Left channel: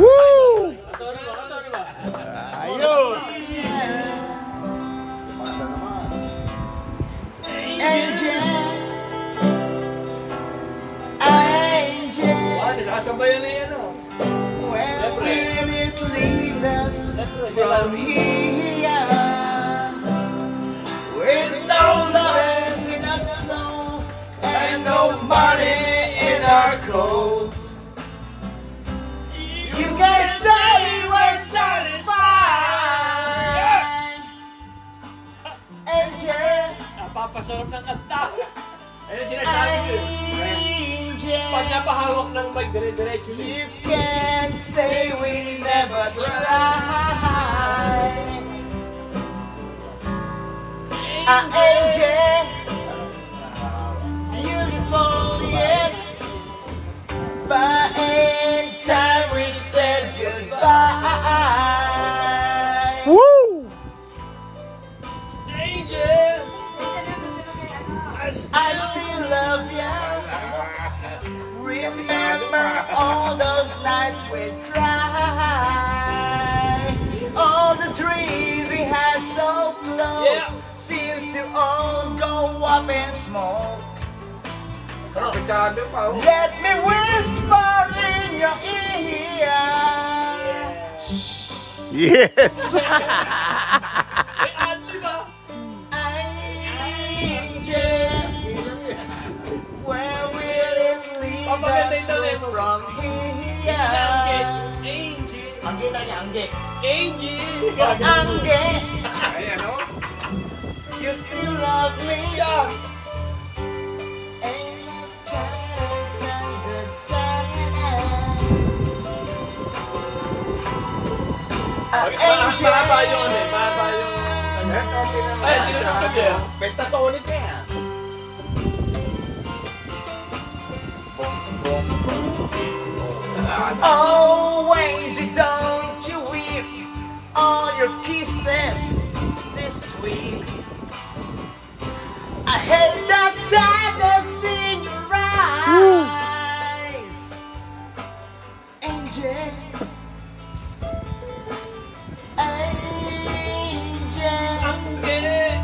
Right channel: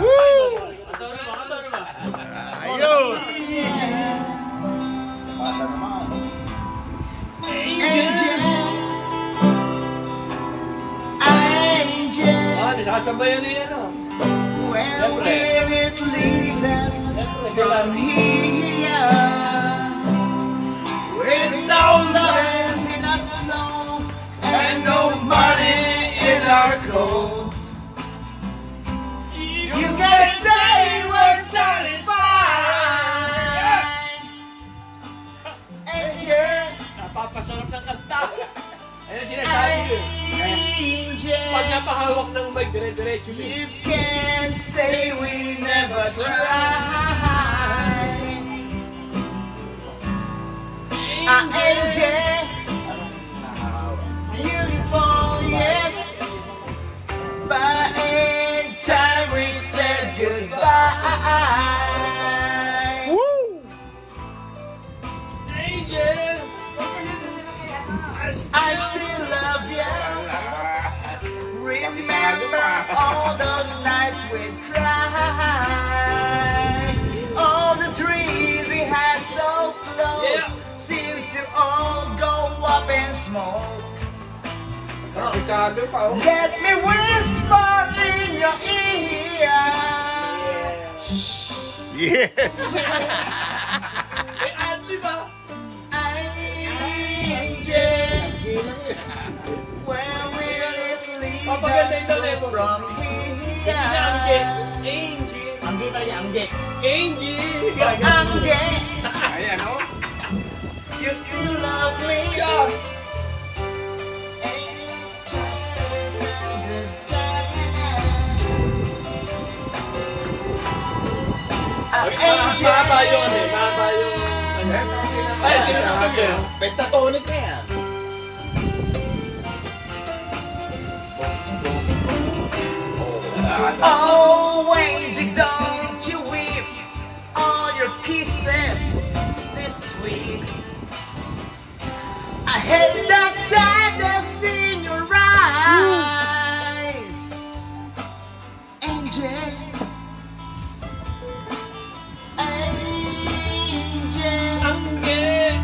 Woo! Ayos! Pasa naman. Angel, angel, Nasasabayan na yan, oh. where will it lead us from here? With no love in our soul and no money in our coats. You can say we're satisfied. Angel, Napapasarap ng kanta. Ayun sinasabi ko. angel, Pag napahawak ng mic, dire-diretso. you can say we never tried. Angel, beautiful, yes, but in time we said goodbye. Woo! Angel! I still love you. Remember all those nights we cried, all the dreams we had so close. Yeah. Seems to all go up in smoke. Let me whisper in your ear. Yes! May adli ba? Angel, where will it lead Papaganda yung us ito, bro. from Angel. here? Angel. Angge na yung angge. Angel. Angge, Ayan, no? you still love me. Yeah. Mahaba yun eh. Mahaba yun. Ay, sinasabi yun. Pentatonic na yan. Oh, Wendy, don't you weep all your kisses this week. I hate the sadness in your eyes, Angel. Angel, Angge.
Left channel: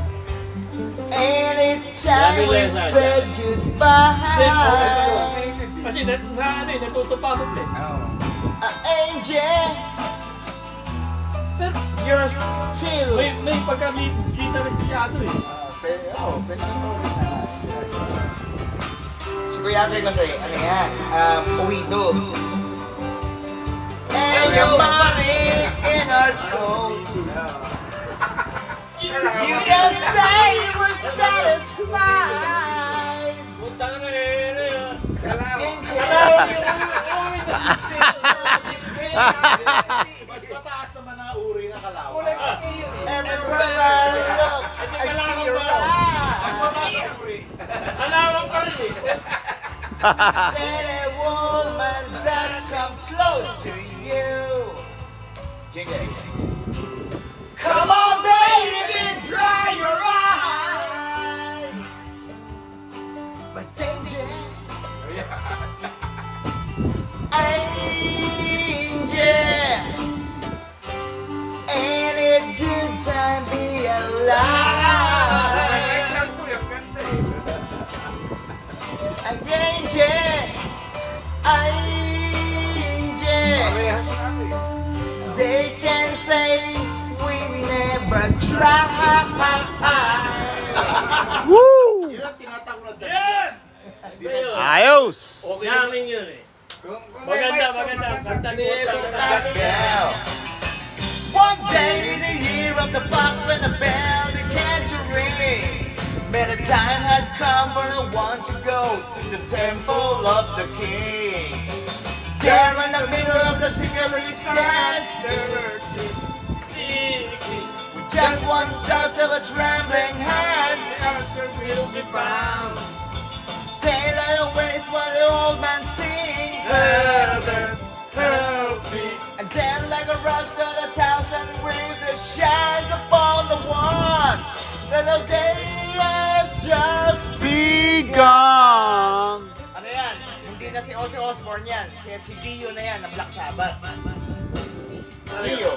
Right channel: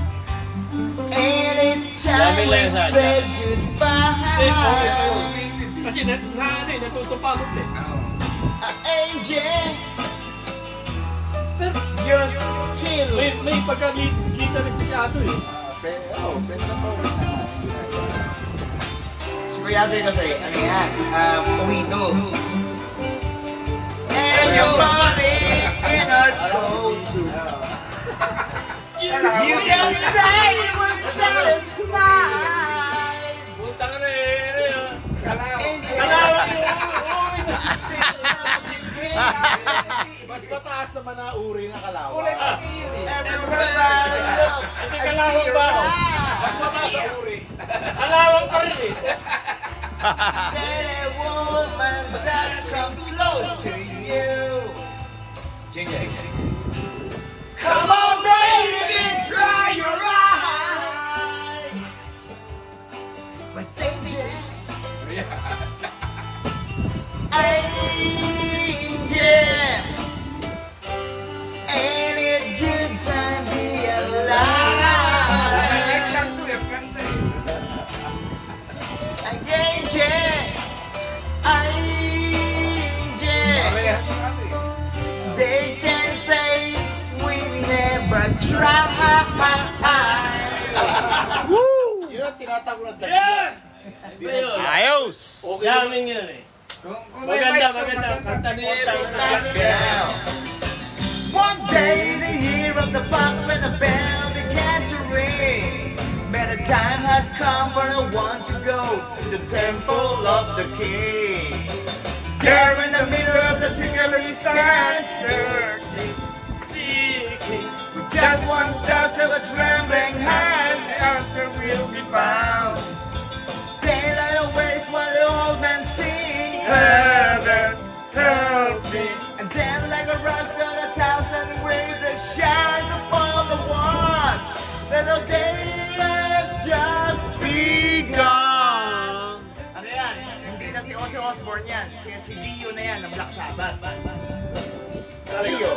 anytime we say goodbye. Kasi natutupagod eh. Angel, you're still. May pagka-guitarist siya ito eh. Pentatonic na. Sigurado kasi, ano yan, Puwido. And your body in our clothes. You can say we're satisfied. Puta ka na eh. Angel, Kalawag yun. Mas mataas naman na uri na kalawang. everywhere I look, I see your Mas mataas ang eyes. uri. Kalawag pa rin eh. Then a woman that comes close to you. Jingle. Come on, baby, dry your eyes. But danger, angel, ain't it good time be alive? Angel, they can say we never tried. Woo! Yun ang tinatawag na Yan! Ayos! Yamin yun eh. Maganda. Kanta niya One day in the year of the fox when the bell began to ring, better time had come but I want to go to the temple of the king. There in the middle of the city we stand searching, seeking. with just one touch of a trembling hand, The answer will be found. then I always while the old man sing. Heaven, help me. And then like a rock star, 1,000 with the shines upon the one, that the day has just begun. Ano yan? Hindi na si Ozzy Osbourne yan. Si Dio na yan, na Black Sabbath. Dio.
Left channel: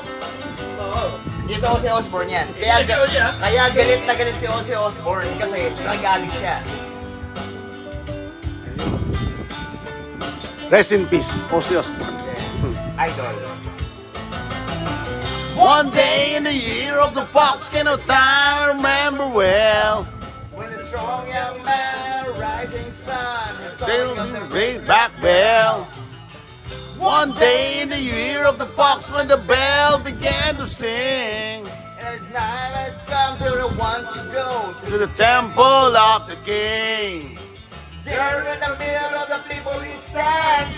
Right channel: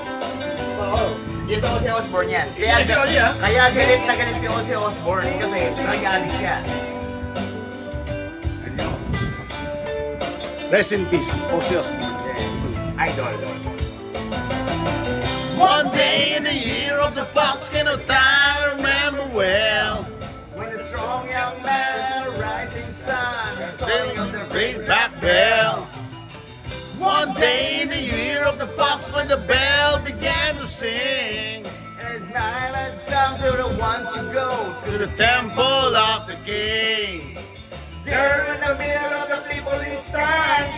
Yung sa Ozzy Osbourne yan. Kaya galit na galit si Ozzy Osbourne kasi nag-addict siya. Rest in peace, Ozzy Osbourne. Idol. One day in the year of the buckskin of time, I remember well. When the strong young man, rising sun, The ring back bell. One day in the year of the fox when the bell began to sing. and time had come for the one to go To the temple of the king. there in the middle of the people he stands,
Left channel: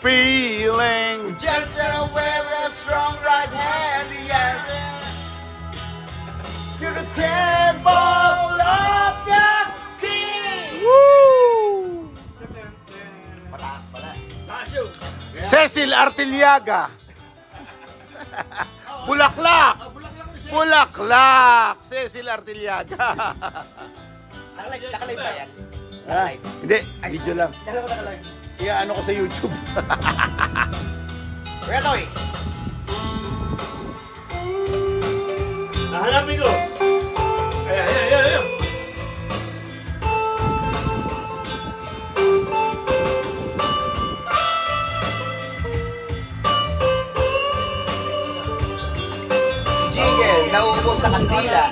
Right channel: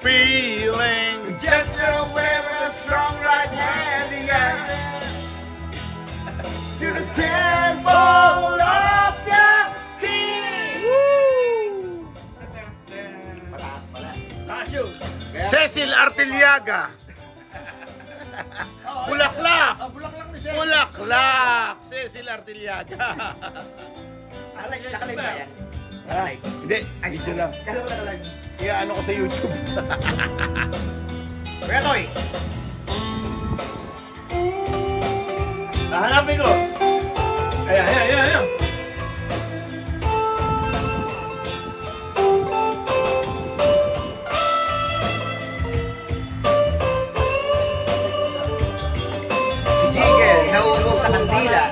Feeling. just aware with a strong right hand he answers to the temple of the king. Woo! Mataas pala. Cecil Artiliaga. Bulaklak. Bulaklak ni Sir. Bulaklak. Cecil Artiliaga. Nakalive ba yan? Ah, hindi, video lang. Kaya ba nakalive? Kaya ano ko sa YouTube. Kuya Toy, Hanapin ko. Ayan. si Jigel, nauubos sa kandila.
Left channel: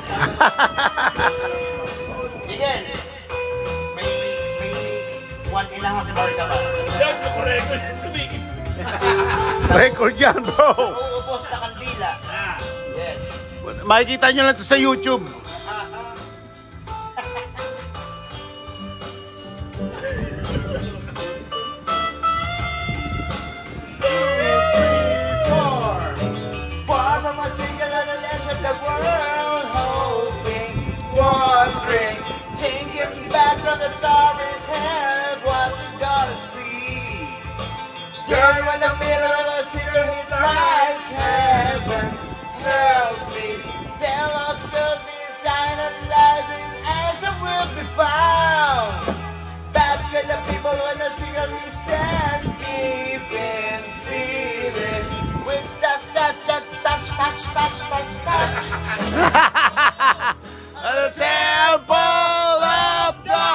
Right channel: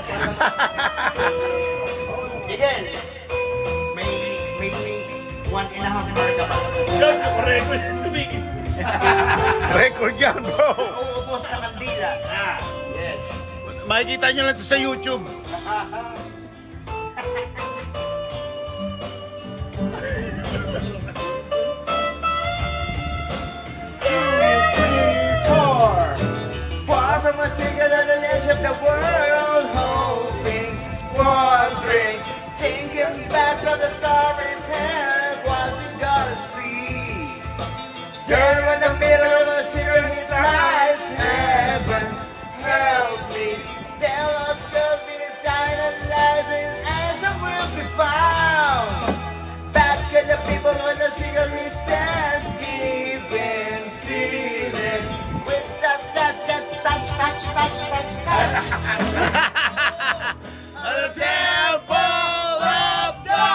Jigel, may 1.5 hour ka pa. Doon ko record tumigil. Record yan, bro. Nauubos sa kandila. Yes. Makikita nyo lang ito sa YouTube. Far from a single on the edge of the world, hoping, wondering, thinking back on the starry's head, what's he gonna see? Turn in the middle of a secret he lies, heaven, help me. There will just be a sign of lies and answer will be found. Back in the people when the secret he stands, giving, feeling, with touch, On the temple of the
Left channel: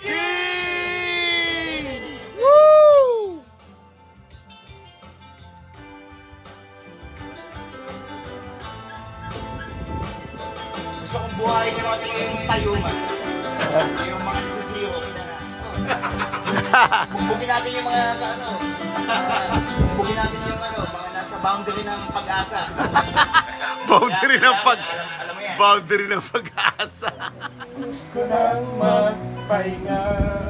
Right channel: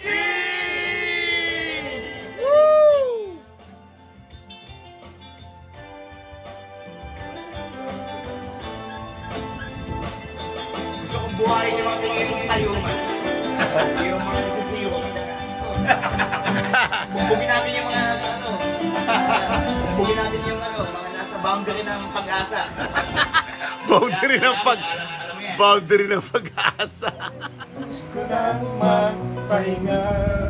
king. Woo! Gusto kong buhayin yung mga yung tayuman. Yung mga nagsisiro. Bumbugin natin yung mga nasa ano. Bumbugin natin yung ano, mga nasa boundary ng pag-asa. Boundary ng Alam mo yan. boundary ng pag-asa. Gusto nang magpahinga.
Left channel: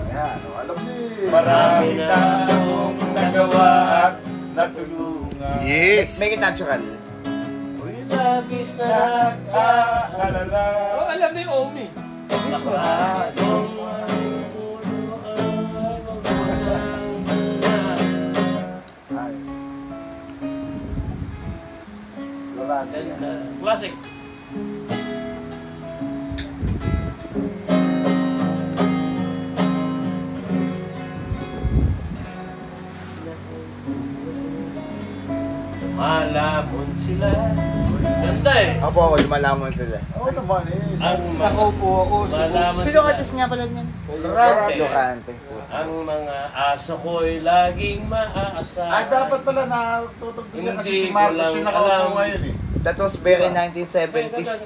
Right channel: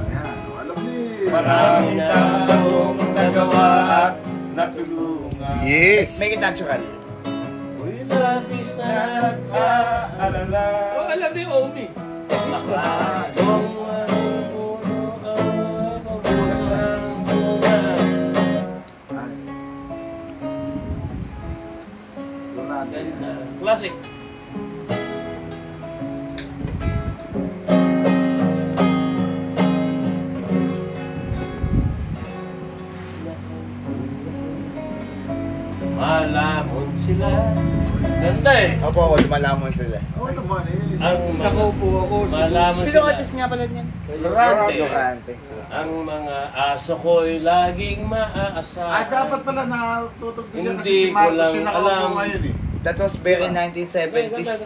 Yan, alam ni. Marami na akong nagawa at natulungan. Yes. Make it natural. Uy, labis na nakaalala. Alam ni Omi. Bagong anong puno ang pagkusang buwan. Ganda. Classic. Malamon sila. Ganda eh. Opo, lumalamon sila. Oo naman eh. Ang Nakaupo ako. malaman Sino sila. artist nga pala niya? Rante. Rante. Ang mga aso ko'y laging maasa. Dapat pala natutog din Hindi kasi si ko Marcos lang yung nakaupo alam. ngayon eh. That was very 1970s.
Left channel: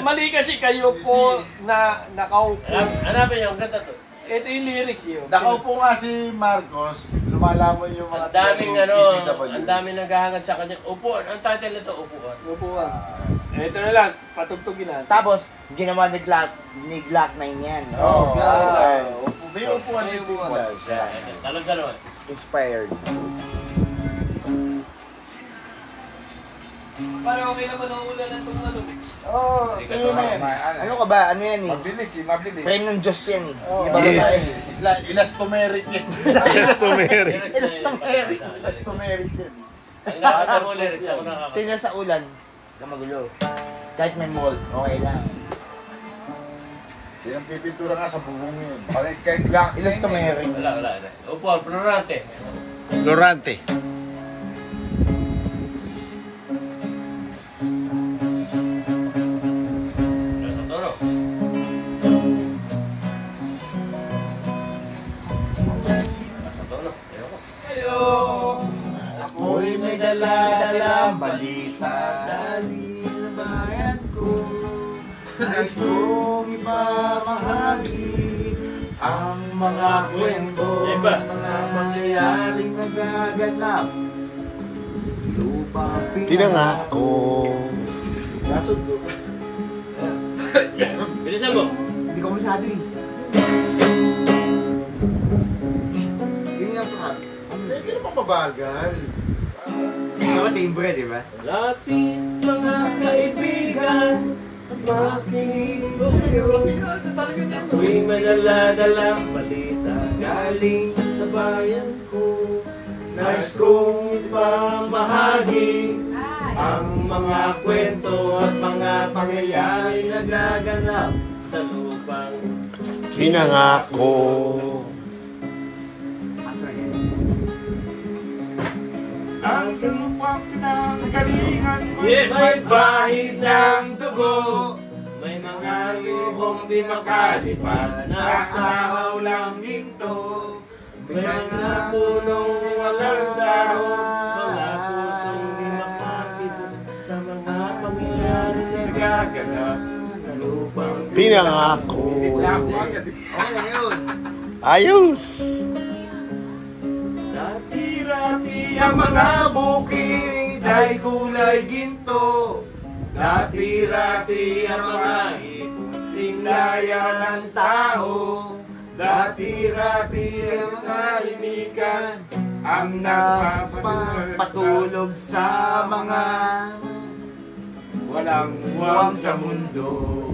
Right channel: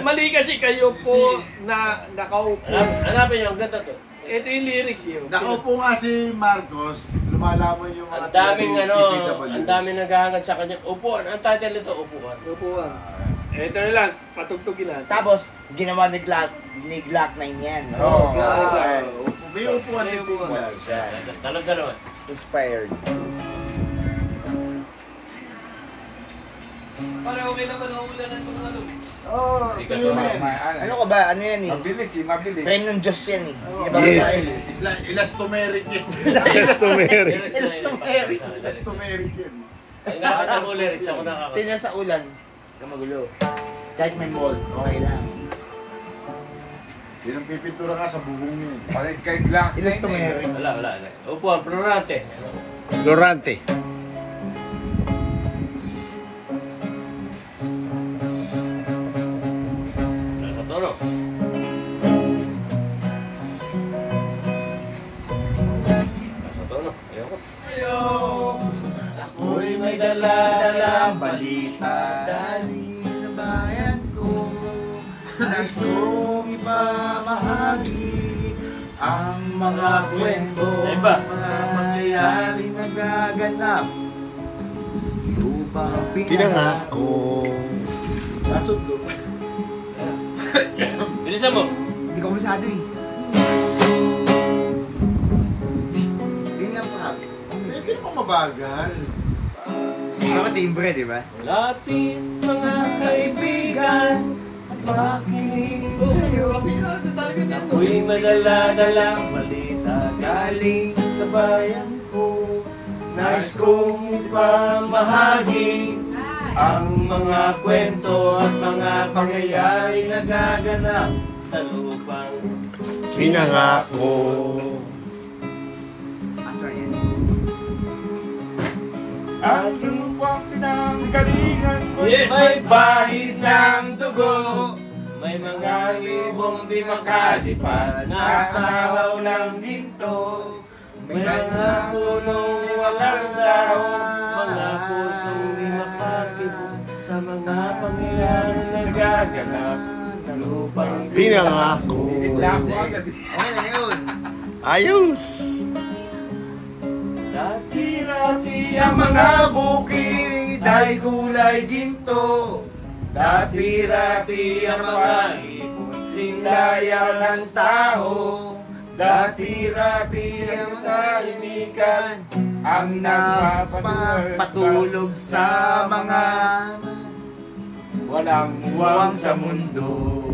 Mali kasi kayo po na nakaupo. Hanapin niyo, ang ganda to. Ito yung lyrics yun. Nakaupo nga si Marcos, lumalamon yung mga Ang daming TPW. ang daming naghahangad sa kanya. Upuan, ang title nito, upuan. Upuan. Ito na lang, patugtugin na. Tapos, ginawa ni Glock 9 yan. Oo. May upuan din si Marcos. Dalawa. Inspired. Parang okay naman ako na ng tumulong. Oo, Ikaw yun to, yan. Ano ka ba? Ano yan eh? Mabilis mabilis. Prank ng Diyos yan eh. Di ba? Yes. Elastomeric yan. Customary. Elastomeric yan. Ang nakita mo lyrics, ako nakakata. Tingnan sa ulan. Na magulo. Kahit may mall, okay lang. Yan ang pipintura nga sa bubong yun. Ilas to Mary. Wala. Upo, Florante. Lorante. Nasa tono. Nasa tono. Ayoko. Ako'y may dala-dala balita dali sa bayan ko. Gustong ipamahagi ang mga kwento, Iba. mga mangyayaring nagaganap. Upang Pinangako. Nasundo. Bilisan mo. Hindi ko masyado eh. Yun nga pa. Hindi naman mabagal. Ito ka timbre, di ba? Lapit mga kaibigan at makinig kayo. Ako'y madala-dalang balita galing sa bayan ko. Nais kong ipamahagi ang mga kwento at mga pangyayari nagaganap sa lupang Pinangako. ang lupang pinanggalingan ko. May bahid ng dugo. May mga lubong di makalipat, nakahaw ng ginto. May mga punong walang dahon, mga pusong di makakibok sa mga pangyayari na nagaganap sa lupang Pinangako. Okay na yun. Ayos. Dati-rati ang mga bukid ay kulay ginto. Dati-rati ang mga ipon, singlaya ng tao. Dati-rati ang kainikan, ang Patulog sa mga walang huwag sa mundo.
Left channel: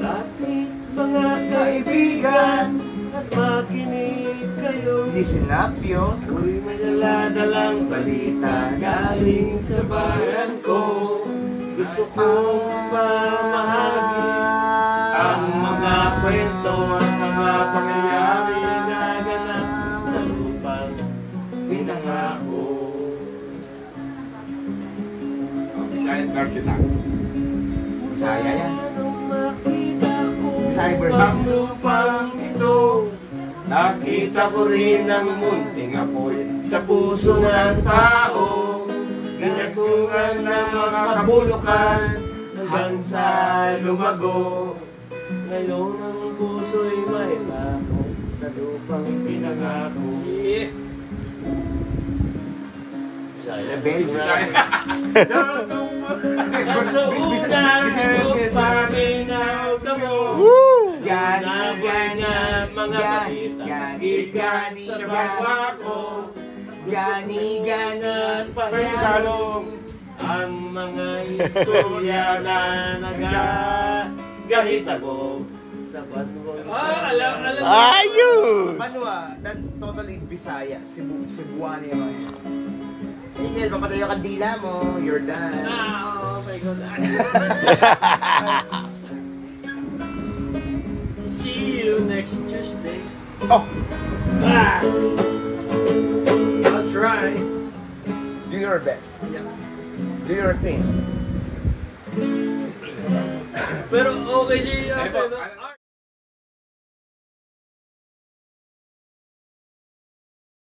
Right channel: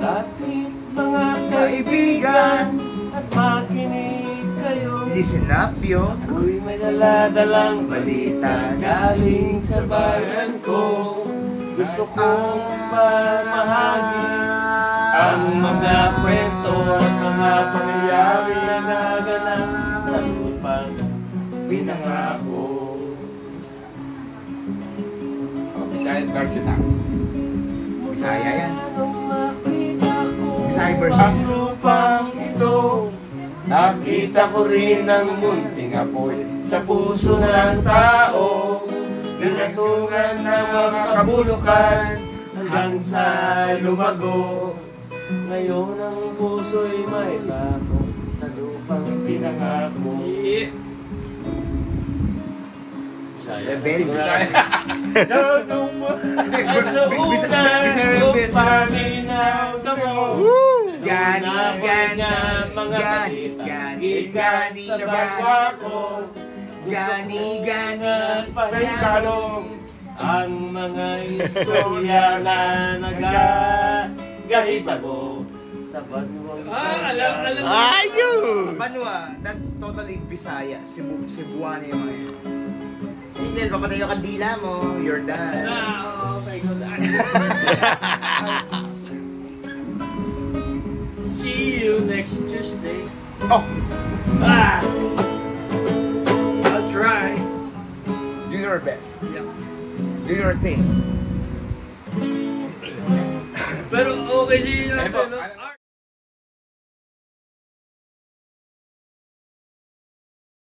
Lapit mga kaibigan at makinig kayo. listen up yun. Ako'y may dala-dalang balita galing sa bayan ko. Gusto kong pamahagi ang mga kwento at mga pangyayari na naganap sa lupang pinangako. Bisayan version na. Bisaya yan. Nakita ko Bisaya version. ang lupang ito. Nakita ko rin ang munting apoy sa puso ng tao. Pinatungan ng mga kabulukan hanggang sa lumago. Ngayon ang puso'y may tako sa lupang pinangako. Rebel. Gani sa bagwa ko. Gani. Paikalong ang mga istorya na nagagahitago sa banwang Ayos. Banwa, that's totally Bisaya. Cebuano yung mga yun. Tingnan, papatay yung kandila mo. You're done. See you next Tuesday. Oh, I'll try. do your best. Do your thing. Pero okay si